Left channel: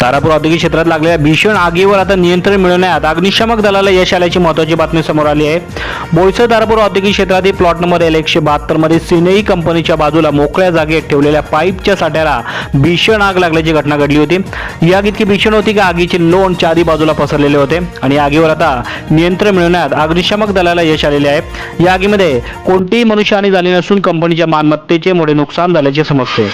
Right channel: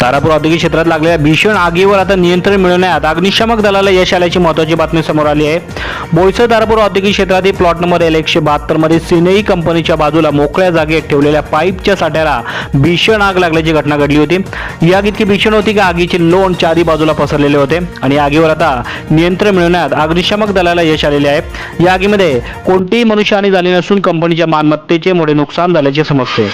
तारापूर औद्योगिक क्षेत्रात लागलेल्या भीषण आगीवर आता नियंत्रण मिळवण्यात अग्निशामक दलाला यश आल्याची महत्वाची बातमी समोर आली आहे. बोईसर तारापूर औद्योगिक क्षेत्रातील प्लॉट नंबर एल एकशे बहात्तरमध्ये सिनेई कंपनीच्या बाजूला मोकळ्या जागेत ठेवलेल्या पाईपच्या साठ्याला भीषण आग लागल्याची घटना घडली होती. ही आग इतकी भीषण होती की आगीचे लोण चारी बाजूला पसरलेले होते आणि आगीवर आता नियंत्रण मिळवण्यात अग्निशामक दलाला यश आलेले आहे. या आगीमध्ये कोणतीही मनुष्यहानी झाली नसून कंपनीच्या मालमत्तेचे मोठे नुकसान झाल्याचे समजते.